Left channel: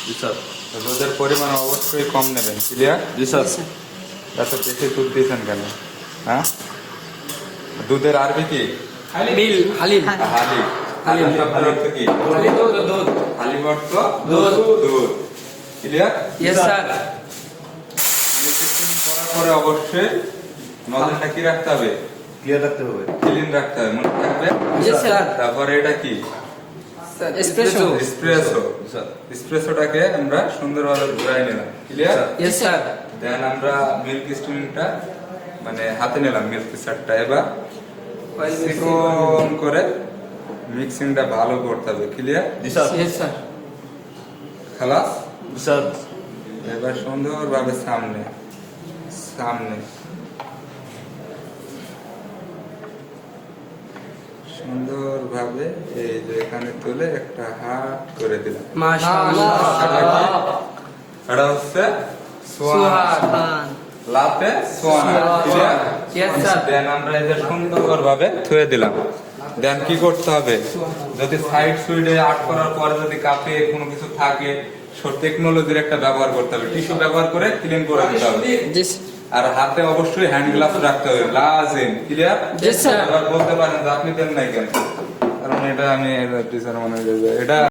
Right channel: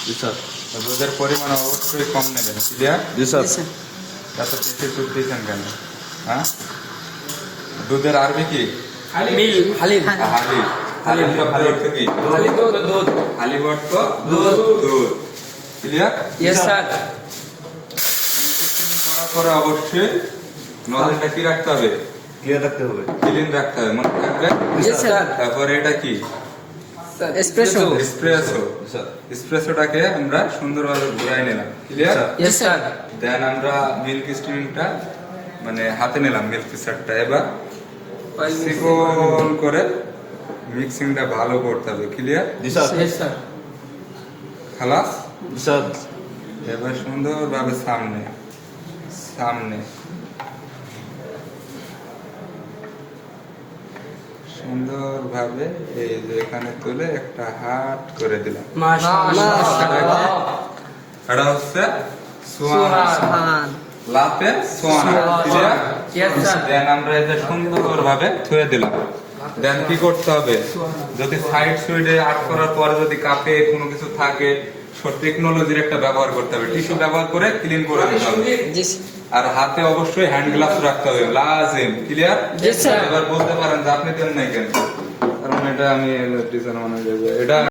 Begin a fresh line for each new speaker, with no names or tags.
G sir.
দুধের পরিমাণ অবশ্যই কম নেবেন, ক্লিয়ার?
জি স্যার।
এত বেশি দুধ দিয়েছেন কেন? হ্যাঁ, দুধের আরবি কি?
মিল হালিম
হালি। হালিম শব্দ অর্থ কি?
হালিম তো দুধ।
হালিম অর্থ
দুধ।
দুধ, ক্লিয়ার?
Yes sir.
করার পরে অবশ্যই নজরটা কি রাখতে হবে?
ক্লিয়ার রাখতে হবে।
ক্লিন রাখতে হবে, মনে থাকবে।
Yes sir.
তারপরে এটা কি?
এসপ্রেসো।
এসপ্রেসো।
জি স্যার।
এসপ্রেসোটাকে আমরা সুন্দরভাবে ঘুরাই নিলাম, ক্লিয়ার?
Yes sir.
দেন আমরা মিল্ক স্টিমটা মানে হাতে নিলাম, মিল্ক পিসারটা এবার চিকন করে মিক্সিংটা ভালো করতে হবে, ক্লিয়ার?
জি স্যার।
Yes sir.
খালাস।
জি স্যার।
এবার সুন্দরভাবে সামনে সামনে সুন্দরভাবে এই যে এখানে তুলে একটা হাত করে দিলাম।
মাশাআল্লাহ।
এটা হচ্ছে swan, latte swan, clear?
Yes sir.
Then আমরা এই যে সুন্দরভাবে থুয়ে দিলাম। দেন কি করতে হবে? যদি সাইড সুইডে আট করার পরে যদি কাপে কোনো কিছু থাকে, টেকনোলজির একটা ব্যবহার করতে হবে, টিস্যু ব্যবহার করে ক্লিন করে দিতে হবে। আর হাতে অবশ্যই হ্যান্ড গ্লাভস রাখতে হবে, লাজিম, ক্লিয়ার?
Yes, sir.
এবার বলতে পারেন যে আপনি দেন নাই কেন, কারণ এটা আমি টিচার মানে এটা